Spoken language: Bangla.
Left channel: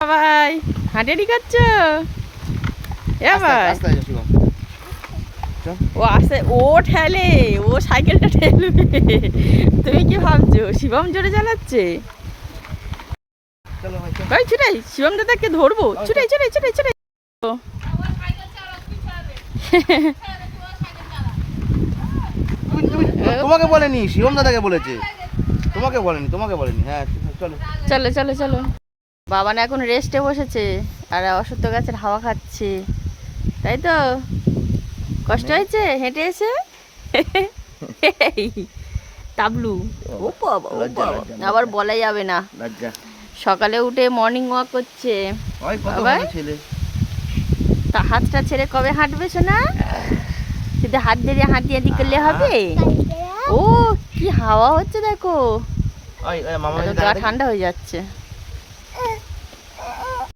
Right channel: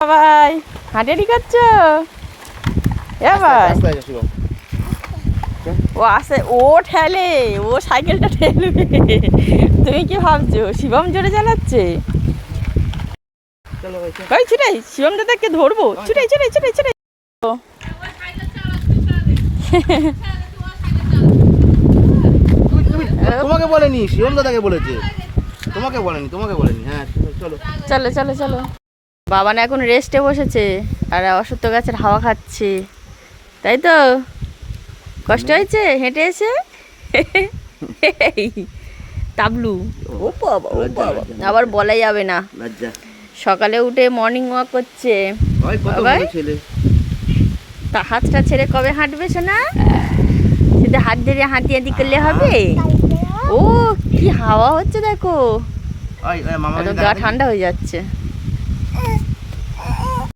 ভাই হাঁটাহাঁটি করছো? এ ভাই ও আসে, ও ঠেলে, ও সাইকেলটা ঠেলবে। তুমি কি ভাবছো শিবম জোরে চালাচ্ছে? ভাই ছুটাই, শিবম দাদাকে ধরবো, ছুটাই ছুটাই ছুটাই ছুটাই। তোমাকে বলেনি, শিবম দাদাকে বলেছে। তোমাকে বলেনি। হ্যাঁ চলো চলো চলো চলো। বাবা না এখন রেস্টে বসেছে আর অশ্বত্থ গাছের হাওয়া খাচ্ছে, তাই তো? কষ্ট হয়েছে হেঁটে এসে? তাবলু, ও বাবা ও বাবা, আবার বলা যাবে না। লজ্জা সকালে উঠে মর্নিং ওয়াক করছে হয়, কত বাবা। ভালো ছেলে। তা হাতটা ছেড়ে কবে হাঁটবে শোনা? শুধু হাত ধরে হাঁটি হাঁটি করলে হবে? ও কি হাওয়া হচ্ছে দেখো, ওই মামা গা ঠান্ডা হয়ে যাচ্ছে।